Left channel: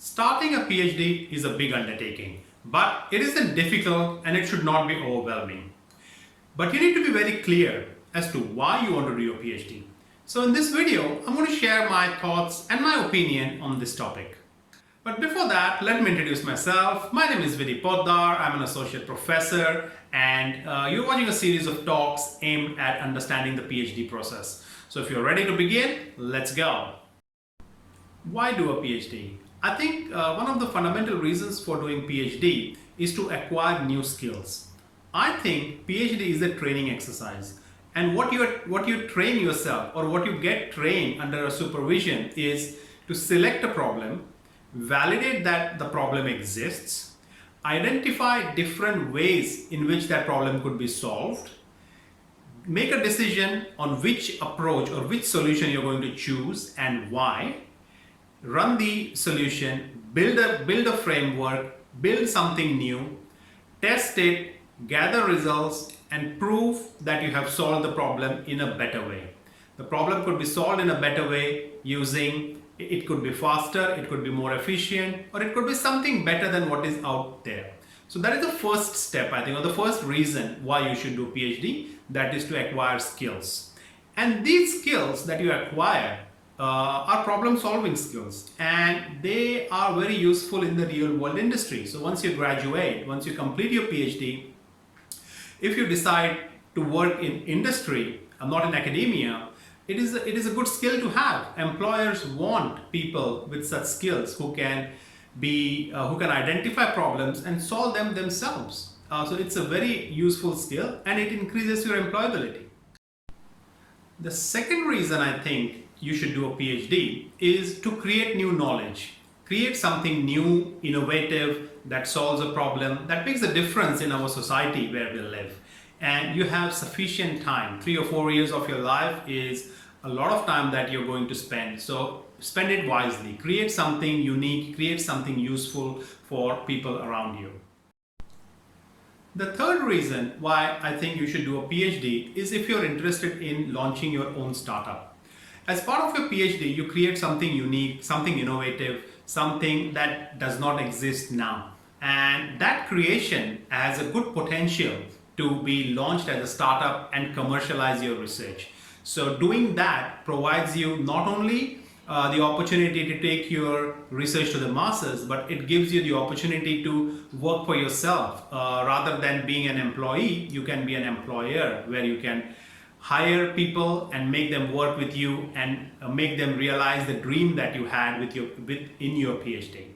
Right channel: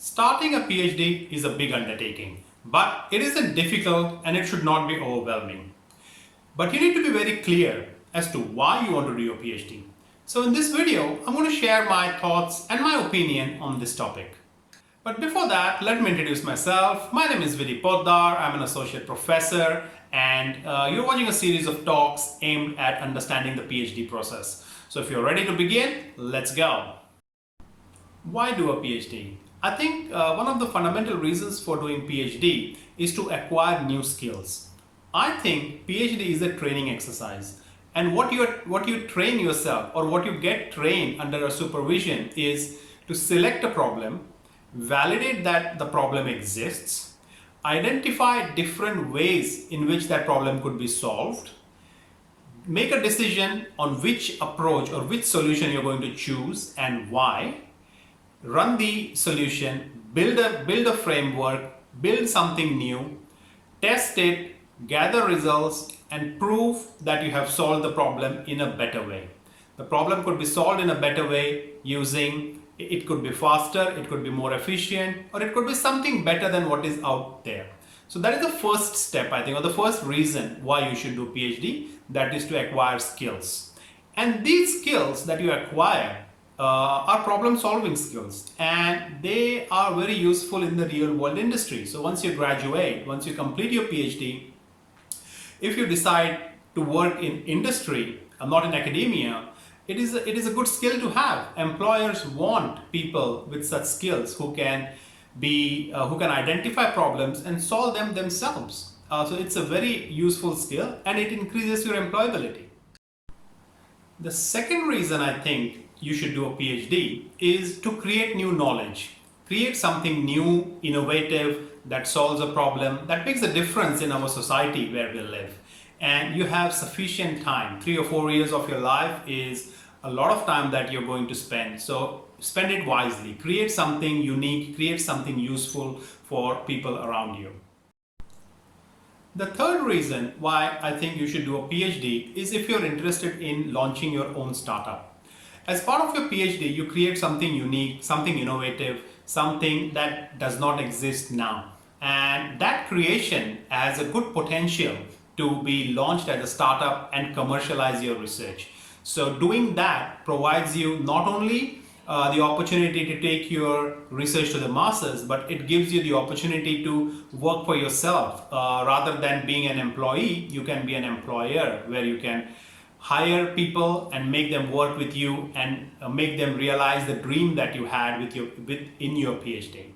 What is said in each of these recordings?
Starting a PhD is a big undertaking, but it isn't difficult and it should not be overwhelming. But you need to be very clear as to why you want to do your PhD. So in this video, I'm going to share my thoughts and my opinion on this topic. But before that, let me introduce myself. My name is Vidhi Poddar. I'm an associate professor and you're watching a series of talks aimed at understanding the PhD process. So if you're ready to begin, let's go. Why do a PhD? I think one of the fundamental reasons for doing PhD is to acquire new skills. I think PhD is a training exercise, and what you train yourself or what you get trained under a supervision is to select a problem, validate that the problem exists, identify different ways in which that problem could be solved, make a decision on which approach or which solution you're going to choose and why, run the solution, build a framework, build something new, test it, gather results, and prove that you have solved the problem in a better way. The problem could be solved in a better way using, it could be faster, it could be more efficient, or it could be something better than what is out there. So that is the first step, I think, or the first reason why you should do PhD, that is to acquire skills. And these skills that you acquire are problem-solving skills, and they are very useful in the real-world industry. So once you graduate, once you complete your PhD, if you decide to work in industry, not in academia, it is a good skill to have. Employers want people with such skills who can identify problems and solve them themselves. So it's a very useful skill, and it increases your employability. The second reason I think you should do a PhD is to create new knowledge, create something new, innovative, that solves a problem, that makes a difference in our society where we live. And you have sufficient time. 3 or 4 years of your life is a lot of time that you're going to spend. So spend it wisely, create something unique, create something useful for people around you. The third reason why I think you should do a PhD is if you're interested in launching your own startup. As part of your PhD, you create something unique, something innovative, something that does not exist now. And that creation has a good potential to be launched as a startup and commercialize your research. So doing that provides you not only the opportunity to take your research to the masses, but it gives you the opportunity to work for yourself. Rather than being an employee, you can be an employer where you can hire people and make them work with you and make them realize the dream that you had in your PhD.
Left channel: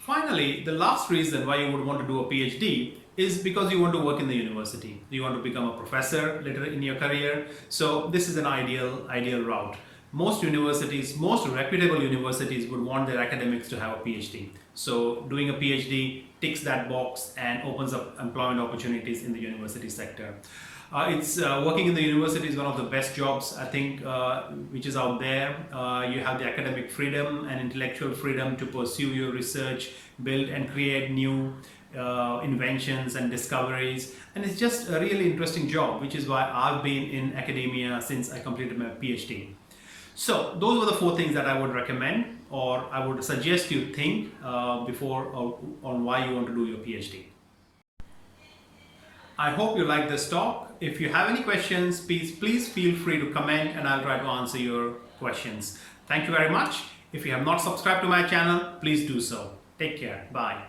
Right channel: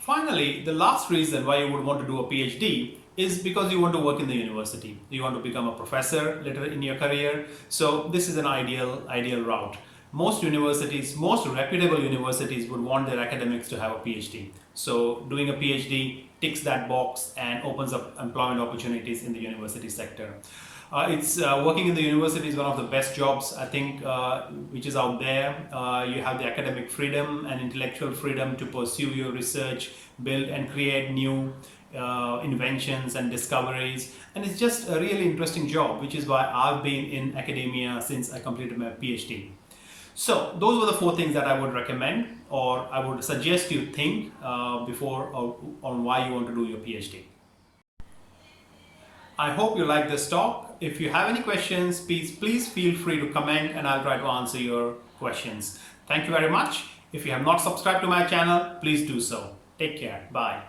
Finally, the last reason why you would want to do a PhD is because you want to work in the university. You want to become a professor later in your career. So this is an ideal route. Most universities, most reputable universities would want their academics to have a PhD. So doing a PhD ticks that box and opens up employment opportunities in the university sector. Working in the university is one of the best jobs, I think, which is out there. You have the academic freedom and intellectual freedom to pursue your research, build and create new inventions and discoveries. And it's just a really interesting job, which is why I've been in academia since I completed my PhD. So those were the 4 things that I would recommend, or I would suggest you think before on why you want to do your PhD. I hope you like this talk. If you have any questions, please feel free to comment and I'll try to answer your questions. Thank you very much. If you have not subscribed to my channel, please do so. Take care. Bye.